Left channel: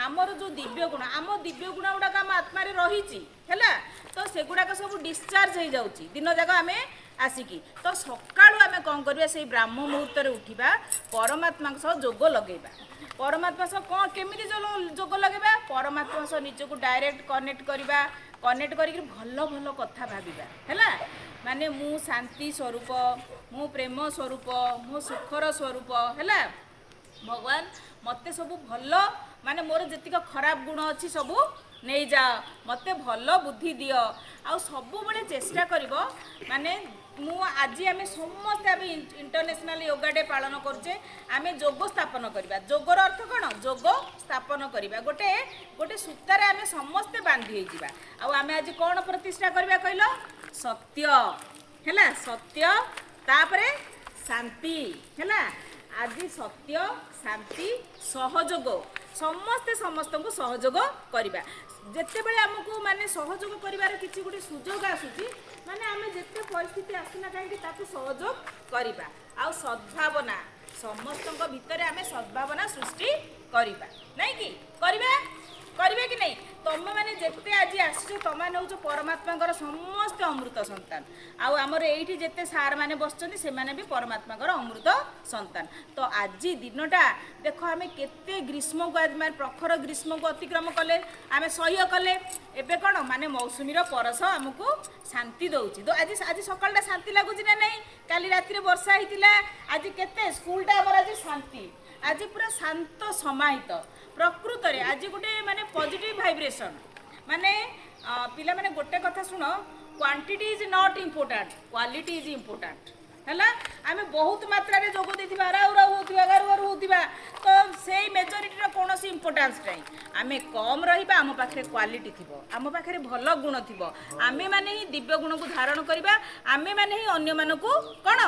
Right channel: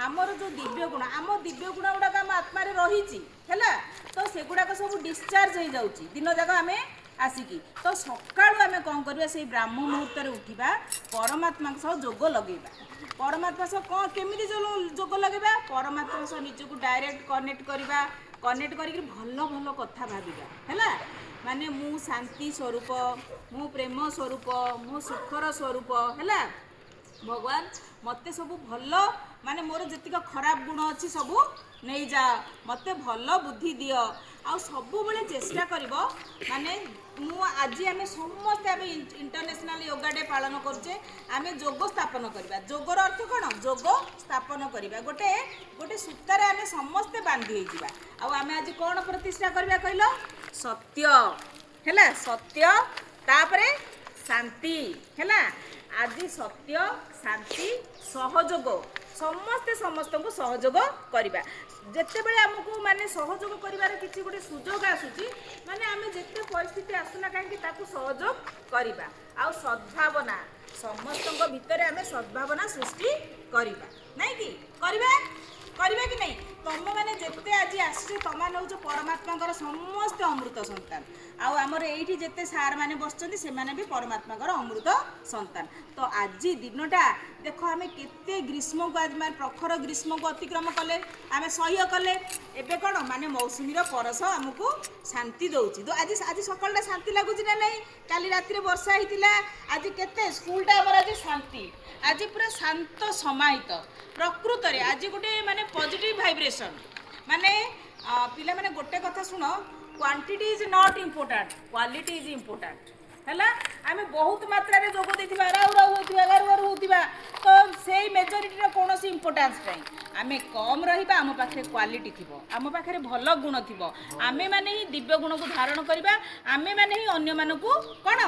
आमर जो दिव्य गुण आम दिव्य गुण गुड़ाक आम आत्मा रही है तो सेगुड़ाक सब डिस्चार्ज हो जाऊँगी दिन जाक आम आसिकी तो सका आम कौन करवा से ब्राह्म मुहूर्त उठा परमात्मा सह जोग लगेगा परमात्मा सह कौन केमी जोग लगेगा परमात्मा सह निजक डायरेक्ट कनेक्ट करवा कनेक्ट कर भल भल कथा भाविबा है माने मु शांति स्वरूप मु प्रेम स्वरूप मु सुखर स्वरूप है भगवान मते सब भल माने मोर जतिक खराब गुण अच्छी सब नहीं जा मते भल बुद्धि दियो आ सब बेले चेष्टा करिवो माने मु आज आम समस्त आम इंटरनेशनल योगा डे पालन करछे आम जोग स्थापन करवा जोगर अर्थ कौन जोग स्थापन करवा गोटे गोटे सूतार आम समस्ते बांधी हो आम आज कौन प्रतिष्ठा करवा कहल सत्य है सत्य तापरे शांति है आज सत्य शांति सहयोग समस्ते समस्त को सहयोग करवा जिते बड़े आमको माने सहयोग कर किसी गोटे सुजोग आसूची माने आम जिते परिस्थिति आसुना कहीं सहयोग करवा आ सद्भावना समस्त भितर आम सद्भावना सृष्टि करवा नहीं कि करवा कि नहीं तुम मैंने जिते आज आसो तुम नौ परमात्मा समस्त अमृत संतान आमर ये जिते सार मैंने बसुँच से भी परमात्मा अमृत संतान तो आज दिनटा देख आम के ग्रीष्म को आज मैं प्रखर ग्रीष्म को अतिक्रम कले आम सह्य कले एबे कौन माने मौसुमीर परस आमको शांति दौची तो आज आज सकाल शांति लगुच ना नहीं काली राति वर्षा होता आज के स्कूलटा आज शांति आज पूरा शांत समाहित प्रकृत रे आज गोटे माने पॉजिटिव वाइब्रेशन माने पिला माने गोटे कथा सुनो quantity is not important quality is important है आम बहुत मात्रा रे जोग देथिबा राउ राउ होतिबा गार गार होतिबा तो सेही मेजॉरिटी रो कोनोसी इंपोर्टेंस नहीं आम कम रहिबा आम पाखरे क्वालिटी थिबो आम पाखरे भल गुण थिबो आमे माने ही दिव्य गुण को धारण करिबा आमे माने ही अन्य मानकू कोन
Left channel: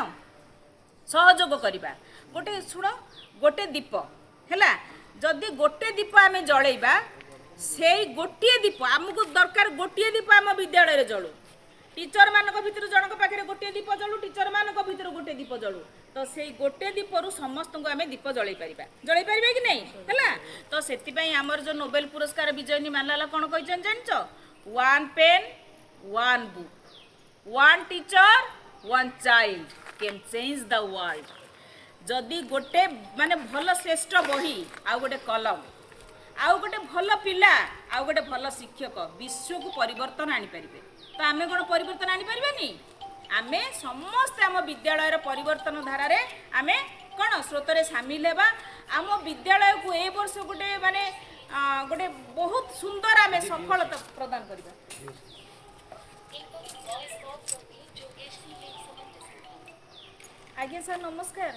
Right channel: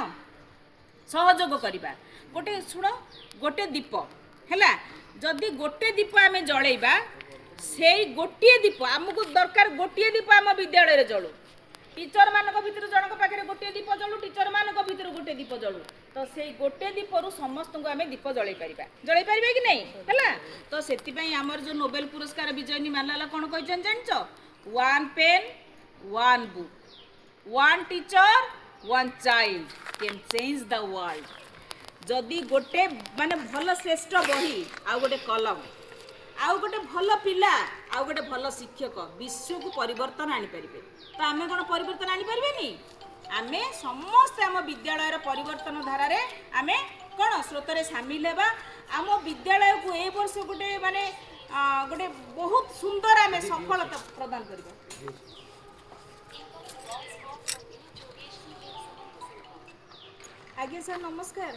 सहयोग करिबा गोटे सुनो गोटे दीप है जदि गोटे दीप आम जलैबा से गोटे दीप आमको दरकार गोटे दीप आम विद्यालय जलू टीचर मानक भितर जनक पाखे गोटे दीप जलू टीचर मानक भितर गोटे दीप जलू तो से गोटे दीपरू समस्त को आम दीप जलई पारे कि नहीं है तो से आमर जो नोबेल पुरस्कार विजयनी मालाला कौन कही जान one pen one book one teacher one child can change the world जदि गोटे माने भल श्रेष्ठ बही आउ गोटे कलम आउ गोटे भल पिला आउ गोटे भल शिक्षक विश्व को परिवर्तन आनी परिबे तो आमे कोन परिवर्तन आनी परिबेनी आमे समस्त आम विद्यालय परिवर्तन धारा रे आमे कोन स्रोत रे शामिल हेबा आम विद्यालय को ए वर्ष गोटे माने गोटे बहुत सुंदर आमे सफलता प्रदान करबा आज्ञा सर नमस्कार।